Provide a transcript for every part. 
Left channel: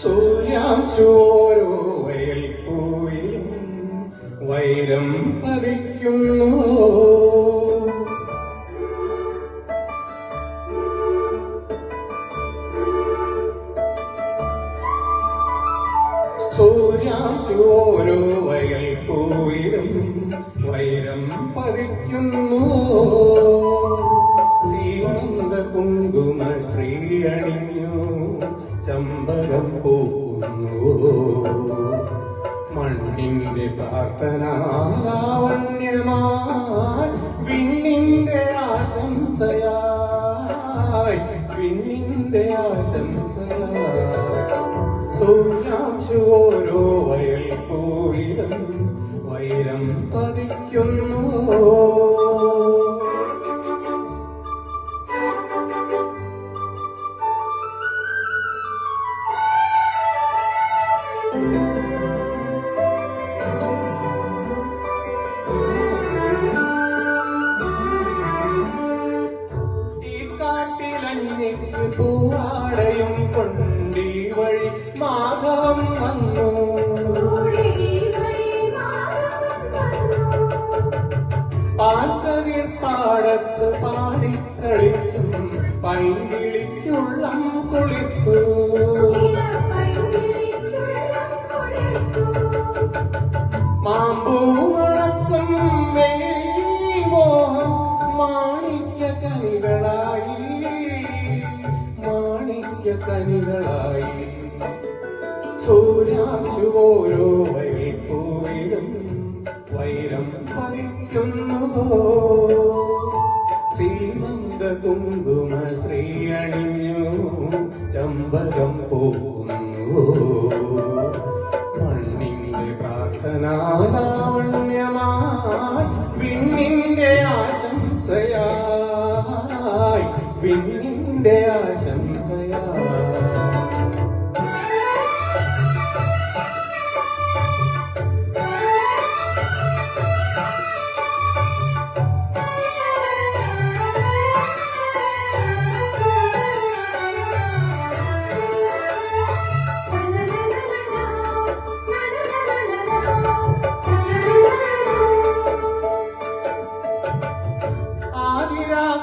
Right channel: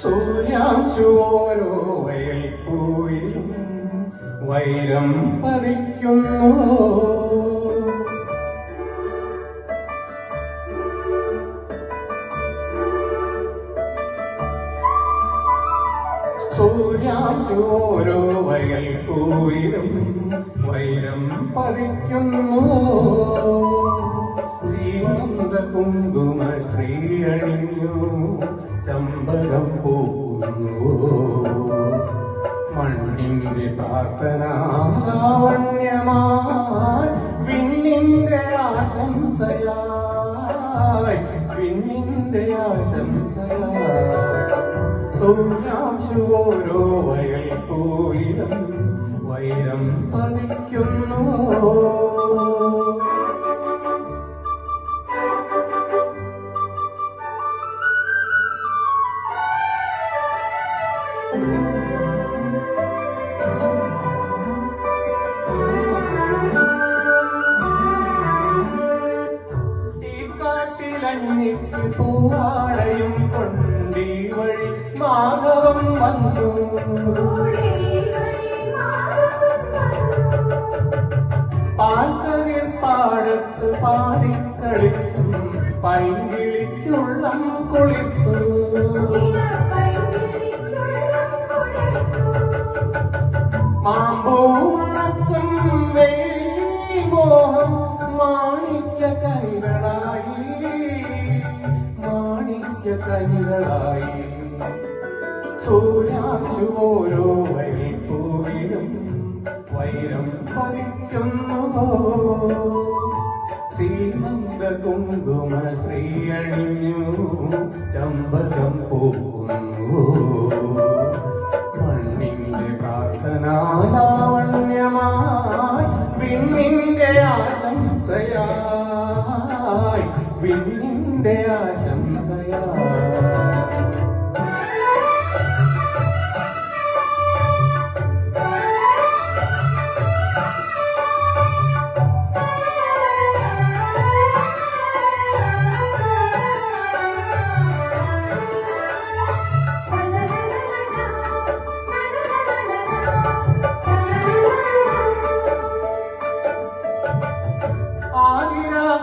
സൂര്യാംശോരോ വയൽ പൂവിലും വൈരം പതിക്കുന്നു. സൂര്യാംശോരോ വയൽ പൂവിലും വൈരം പതിക്കുന്നു. സീമന്ത കുങ്കുമ ശ്രീ അണിഞ്ഞു ചമ്പകം പൂക്കുന്നു. മണ്ണിന്റെ പ്രാർത്ഥനാലാവണ്യമായി വിണ്ണിന്റെ ആശംസയായി വിണ്ണിന്റെ ആശംസയായി സൂര്യാംശോരോ വയൽ പൂവിലും വൈരം പതിക്കുന്നു. ഈ കാട്ടിലഞ്ഞിക്ക് പൂവാടയും കൊണ്ടീ വഴി മാധവം വന്നു. പാൽക്കതിർ പാടത്ത് പാടിക്കളിക്കും പൈങ്കിളിക്കുള്ളം കൊളിത്തു. മാമ്പൂമണക്കം വെയിൽ മോഹം മാണിക്യ കനികളായി മാണിക്യ കനികളായി സൂര്യാംശോരോ വയൽ പൂവിലും വൈരം പതിക്കുന്നു. സീമന്ത കുങ്കുമ ശ്രീ അണിഞ്ഞു ചമ്പകം പൂക്കുന്നു. മണ്ണിന്റെ പ്രാർത്ഥനാലാവണ്യമായി വിണ്ണിന്റെ ആശംസയായി വിണ്ണിന്റെ ആശംസയായി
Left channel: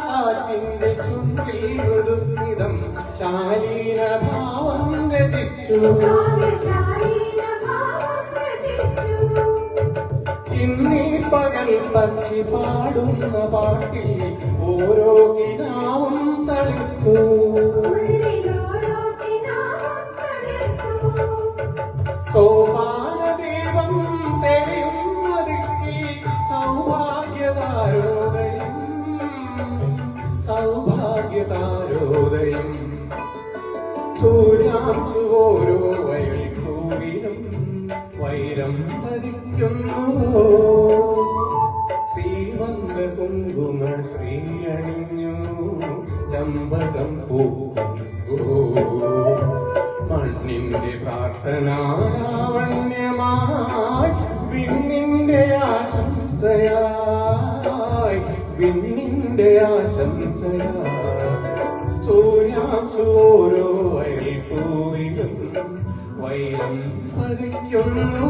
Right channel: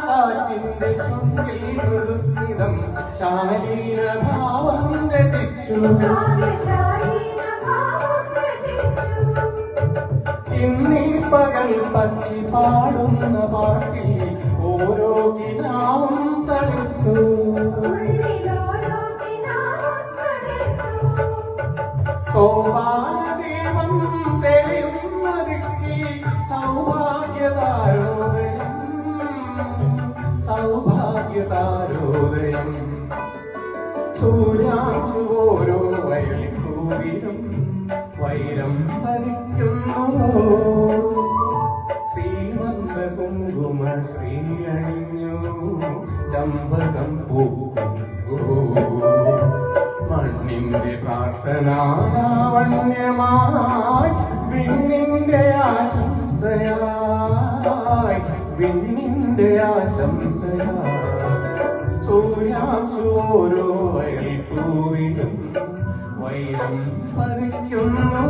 കാറ്റിന്റെ ചുണ്ടിൽ മൃദുസ്മിതം ശാലീന ഭാവം രചിച്ചു. ഇന്നീ പകൽ പക്ഷി പാടുന്ന പാട്ടിൽ ഓരോ കിനാവും തളിർത്തു. സോപാനദീപം തെളിയുന്ന ദിക്കിൽ സൗഭാഗ്യതാരോദയം സൗഭാഗ്യതാരോദയം സൂര്യാംശോരോ വയൽ പൂവിലും വൈരം പതിക്കുന്നു. സീമന്ത കുങ്കുമ ശ്രീ അണിഞ്ഞു ചമ്പകം പൂക്കുന്നു. മണ്ണിന്റെ പ്രാർത്ഥനാലാവണ്യമായി വിണ്ണിന്റെ ആശംസയായി വിണ്ണിന്റെ ആശംസയായി സൂര്യാംശോരോ വയൽ പൂവിലും വൈരം പതിക്കുന്നു.